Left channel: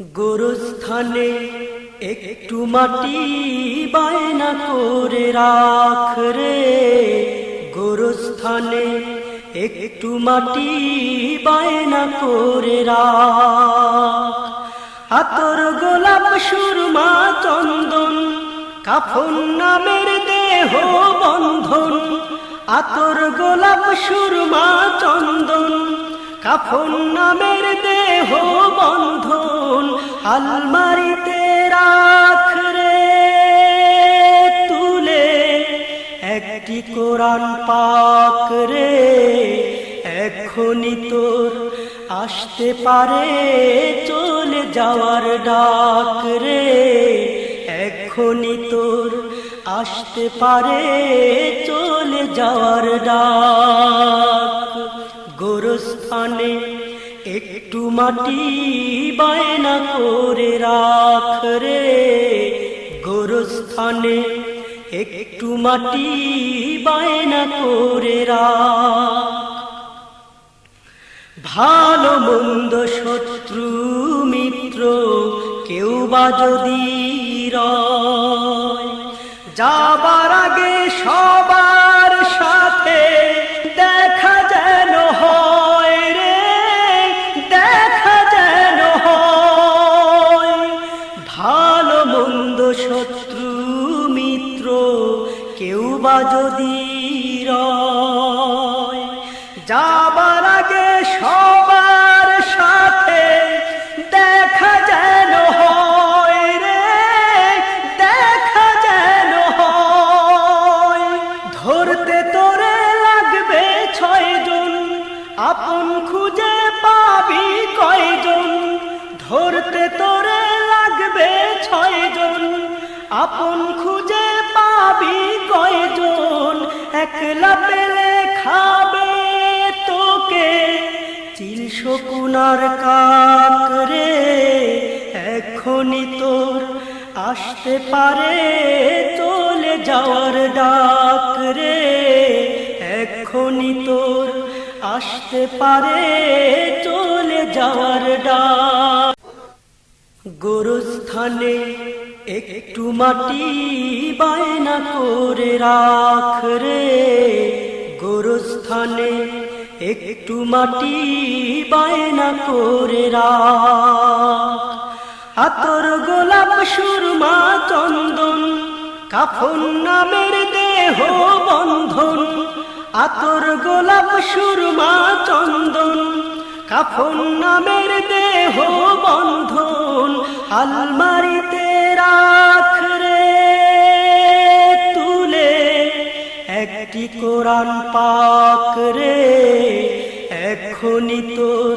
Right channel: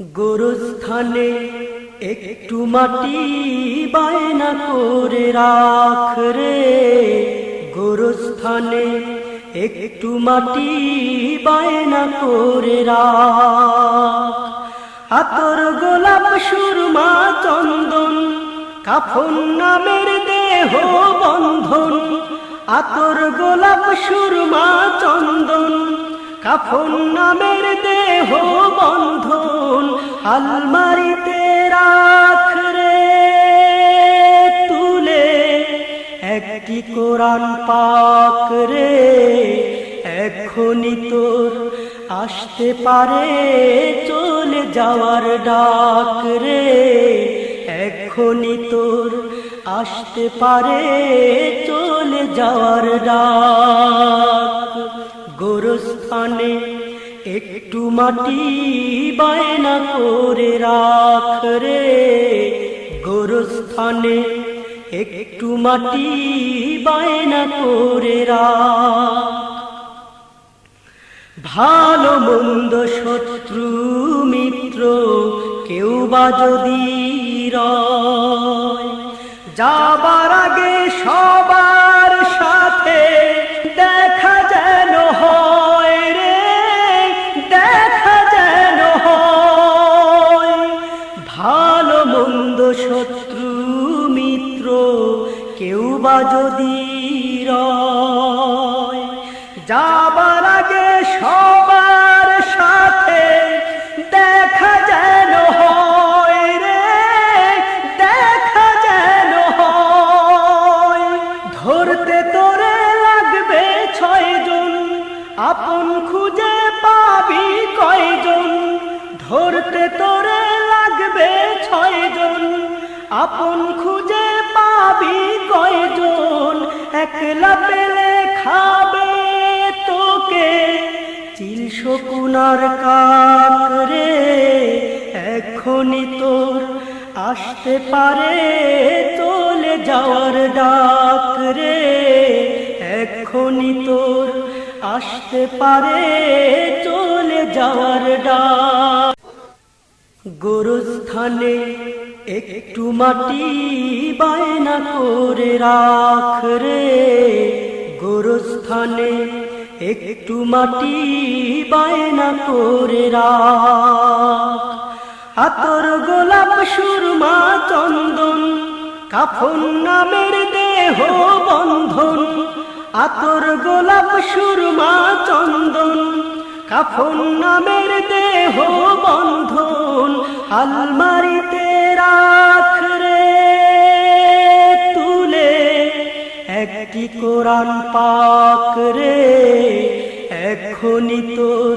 গোরস্থানে একটু মাটি বায়না করে রাখ রে। গোরস্থানে একটু মাটি বায়না করে রাখ। আতর গোলাপ সুরমা চন্দন, কাফন নামের দেহ বন্ধন। আতর গোলাপ সুরমা চন্দন কাফন নামের দেহ বন্ধন, আলমারিতে রাখ রে, তুলে একটি কোরআন পাক রে, এখনই তোর আসতে পারে, চলে যাওয়ার ডাক রে, এখনই তোর আসতে পারে, চলে যাওয়ার ডাক গোরস্থানে একটু মাটি বায়না করে রাখ রে। গোরস্থানে একটু মাটি বায়না করে রাখ। ভালো মন্দ শত্রু মিত্র কেউ বা যদি যাবার আগে সবার শত্রু মিত্র, কেউ বা যদি যাবার আগে সবার সাথে দেখা যেন হয় রে, দেখা যেন হয়। ধরতে তোরে লাগবে ছয়জন, আপন খুঁজে পাবি কয়জন? ধরতে তোরে আপন খুঁজে পাবি কয়জন? একলা পেলে খাবে তোকে। চিল শকুনার কাক রে, এখনই তোর আসতে পারে। চলে যাওয়ার ডাক রে, এখনই তোর আসতে পারে। চলে যাওয়ার ডাক। গোরস্থানে একটু মাটি বায়না করে রাখ রে। গোরস্থানে একটু মাটি বায়না করে রাখ। আতর গোলাপ সুরমা চন্দন, কাফন নামের দেহ বন্ধন। আতর গোলাপ সুরমা চন্দন, কাফন নামের দেহ বন্ধন। আলমারিতে রাখ রে তুলে একটি কোরআন পাক রে, এখনই তোর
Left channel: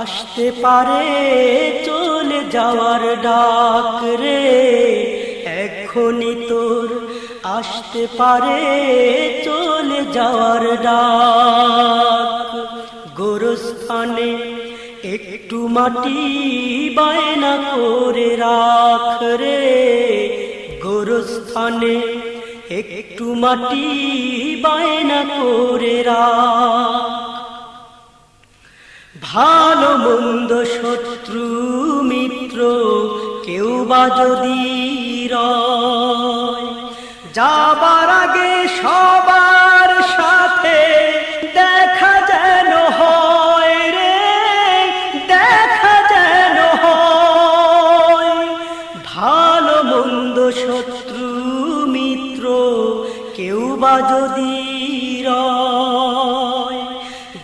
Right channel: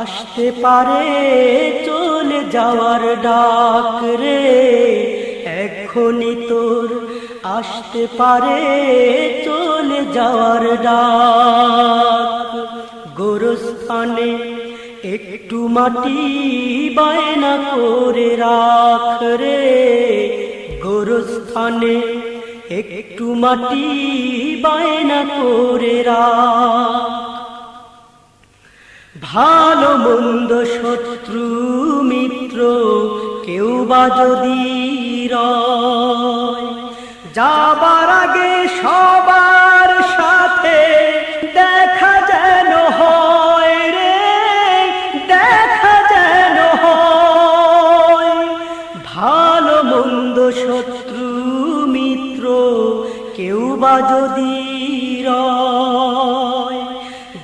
আসতে পারে, চলে যাওয়ার ডাক রে, এখনই তোর আসতে পারে, চলে যাওয়ার ডাক। গোরস্থানে একটু মাটি বায়না করে রাখ রে। গোরস্থানে একটু মাটি বায়না করে রাখ। ভালো মন্দ শত্রু মিত্র কেউ বা যদি যাবার আগে সবার শত্রু মিত্র কেউ বা যদি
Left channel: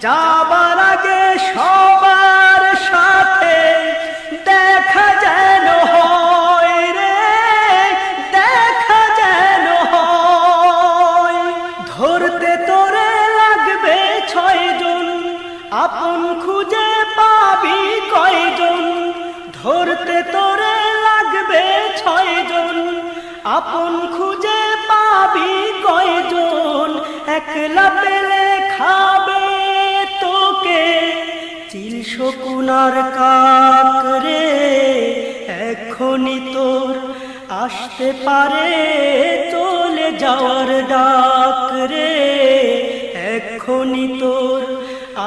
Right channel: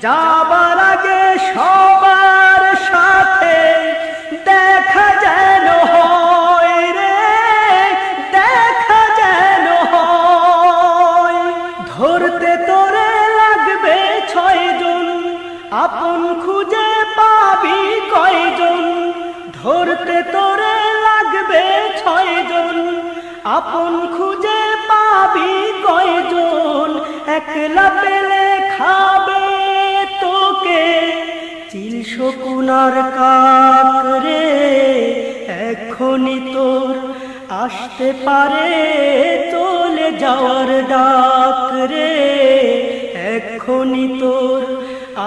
যাবার আগে সবার সাথে দেখা যেন হয় রে, দেখা যেন হয়। ধরতে তোরে লাগবে ছয়জন, আপন খুঁজে পাবি কয়জন? ধরতে তোরে আপন খুঁজে পাবি কয়জন? একলা পেলে খাবে তোকে। চিল শকুনার কাক রে, এখনই তোর আসতে পারে। চলে যাওয়ার ডাক রে, এখনই তোর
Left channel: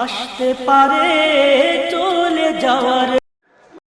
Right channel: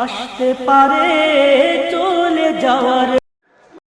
আসতে পারে। চলে যাওয়ার